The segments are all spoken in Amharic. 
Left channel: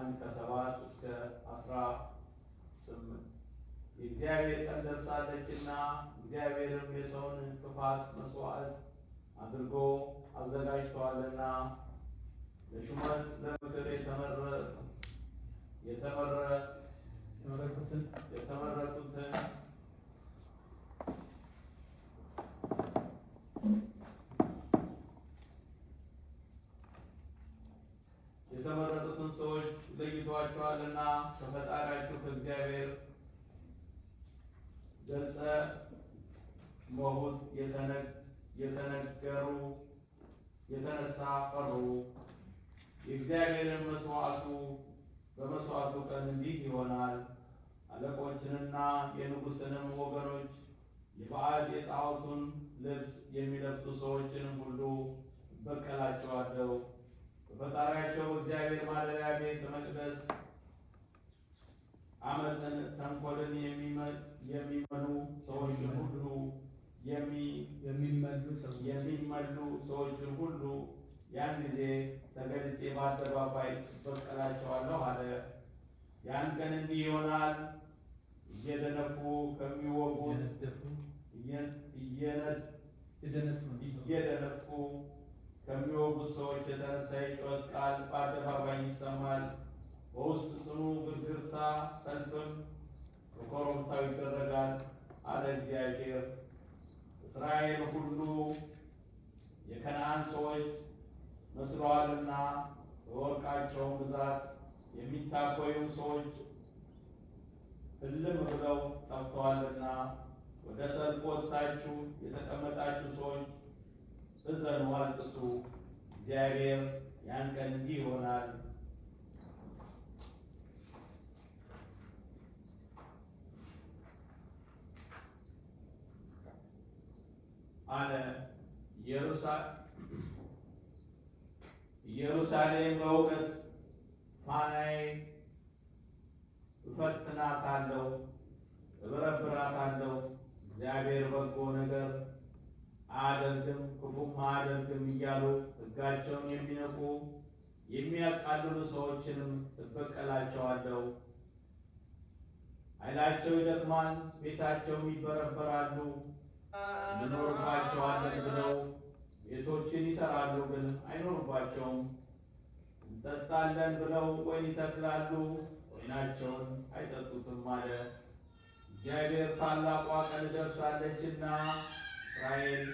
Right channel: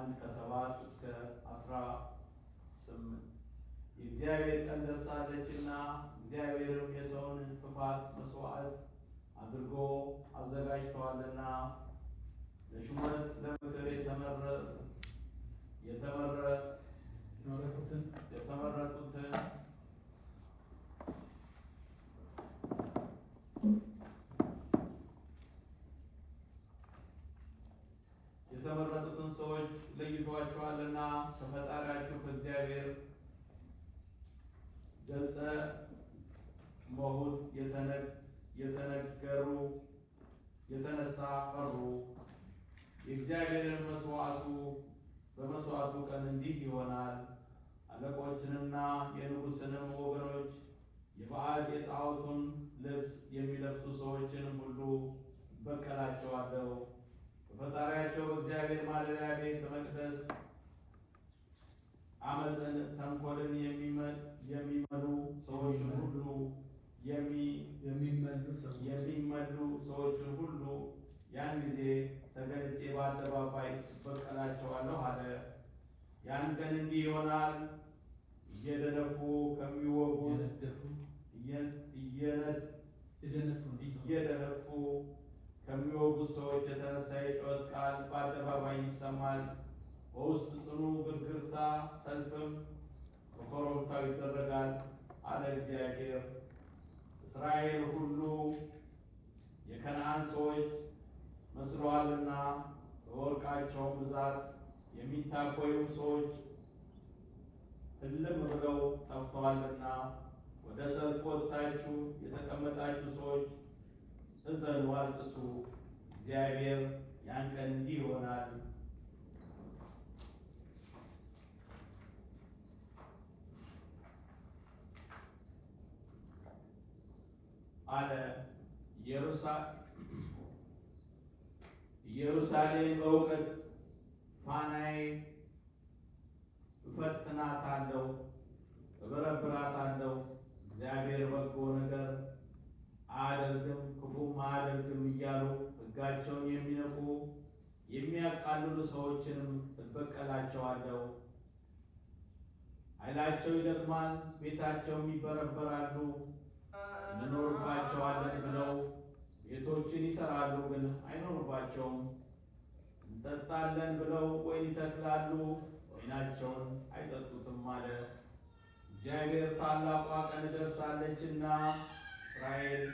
1:7 እስከ 18 የእግዚአብሔር ቀን ደርሳለችና እግዚአብሔርም የሰውን ጥፋት መስዋዕት አድርጎ አዘጋጅተዋልና ለሹመት ለምክር የተመረጡትን ሰዎች ለይቷቸዋልና ከፈጣሪያቸው ከእግዚአብሔር ገጸ መሁት የተነገሩ የተነሳ ፈሩ። የእግዚአብሔርን በመስዋዕቱ ቀን እንዲህ ይሆናል። አለቆችንና የንጉሥንም ወገኖች የባዕድ የጣዖቱን ልብስ የሚለብሱ ሰዎችንም ሁሉ እበቀላቸዋለሁ። በፈጣሪያቸው በእግዚአብሔር ማደሪያ ቤተ መቅደስ አመፅን፣ ተንኮልን የሚመሉ ሰዎችን ሁሉ የሚመሉ ሰዎችን ሁሉ ያን ጊዜ ተገልጬ በአደባባይ እበቀላቸዋለሁ አለ። ያን ቀን እንዲህ ይሆናል። እየደነፉ ከሚወጉት ሰዎች የተነሳ የጩኸት ቃል በአደባባይ ይሰማል። በውስጥ ጽኑ ግርግርታ፣ ሰልፍም በኮረብታው ይደረጋል አለ እግዚአብሔር። እስራኤል ሁሉ የከነዓን ሰዎች መስለዋልና በወርቃቸውም ብዛት የሚታበዩም ሰዎች እልም ብለው ጠፍተዋልና ወደ ሰልፍ ወጥታችሁ የተቀመጣችሁ ሰዎች እዘኑ፣ አልቅሱ። እግዚአብሔር ያን ቀን እንዲህ ይሆናል አለ። ኢየሩሳሌም በእውቀት ፋናዬ እፈትናታለሁ፣ እበረብራታለሁ። እግዚአብሔር በጎ ነገር አያደርግም ክፉም አያደርግም እያሉ ሕጋቸውን የሚነቁ የሚያቃልሉ ሰዎችንም እበቀላቸዋለሁ። ኃይላቸው ይደክማል፣ ቤታቸውን ይበረበራሉ። እንኖርባቸዋለን ብለው ቤቶችን ይሰራሉ፣ ግን አይኖርባቸውም። እንጠጣለን ብለው ወይን ይተክላሉ፣ ወይናቸውን አይጠጡትም አለ። እግዚአብሔር ታላቋ ቀን ደርሳለችና እስራኤል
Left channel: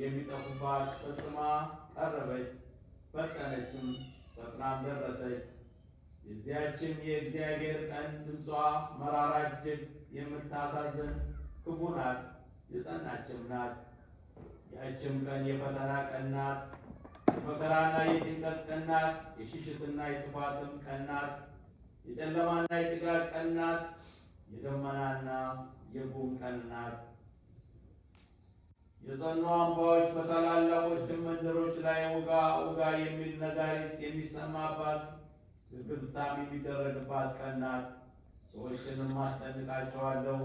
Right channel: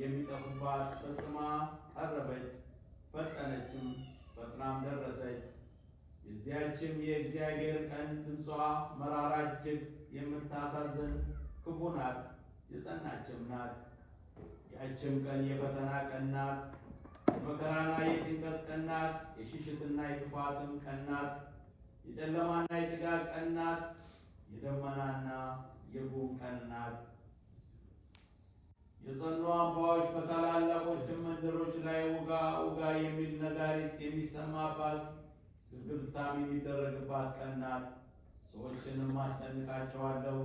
የሚጠፉባት ፈጽማ ቀረበች፣ ፈጠነችም፣ ፈጥናም ደረሰች። የዚያችም የእግዚአብሔር ቀን ድምጿ መራራ እጅግ የምታሳዝን ክፉ ናት፣ የጸናችም ናት። ያችም ቀን የፈተና ቀን ናት፣ የመከራና የጭንቀት ቀን ናት፣ የሽሽትና የጥፋትም ቀን ናት፣ የጨለማና የጭጋግ ቀን ናት፣ የደመናና የጉም ቀን ናት። የጸኑ አምባዎች በታላላቆችም መንደሮች ላይ ውጋ ውጋ የሚል ነጋሪት የሚሰማባት ግርግርታም የሚደረግባት ቀን ናት። ሰዎችንም አስጨንቃቸዋለሁ፣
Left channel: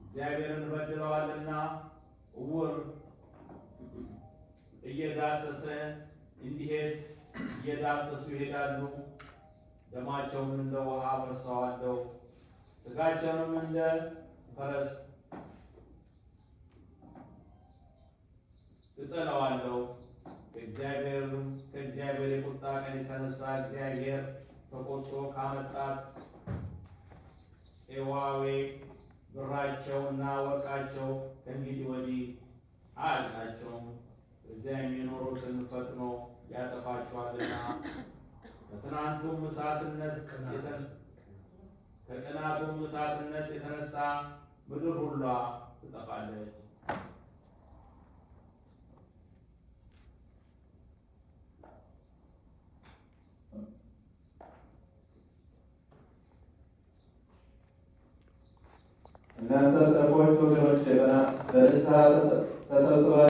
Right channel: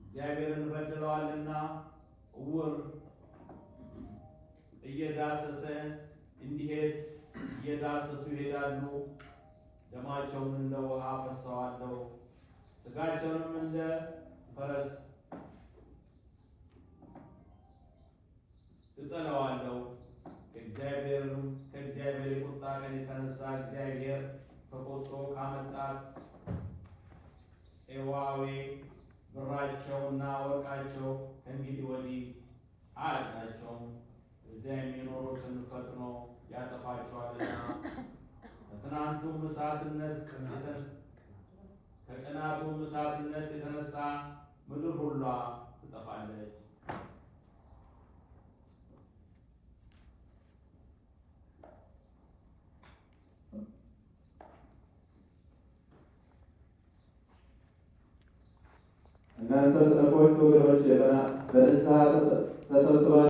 እግዚአብሔርን በድለዋልና። እውር እየዳሰሱ ይሄዳሉ። ደማቸውን እንደ ውሃ አፈስሰዋለሁ፣ ሥጋቸውንም እንደ ፈረስ እጥለዋለሁ። ከእግዚአብሔር የቁጣ ቀን የተነሳ እግዚአብሔር ተቆጥቶ ካመጣት ፄዋዌ ብራቸውና ወርቃቸው ከእንግዲህ ወዲህ አያድናቸውም። እዚያ የሚኖሩትን ፈጥኖ ያጠፋቸዋልና ከቅናቱም እሳትነት የተነሳ ምድር ሁሏ ትጠፋለች። እናንተ ሰነፎች ወገኖቼ በንስሐ ተሰብስባችሁ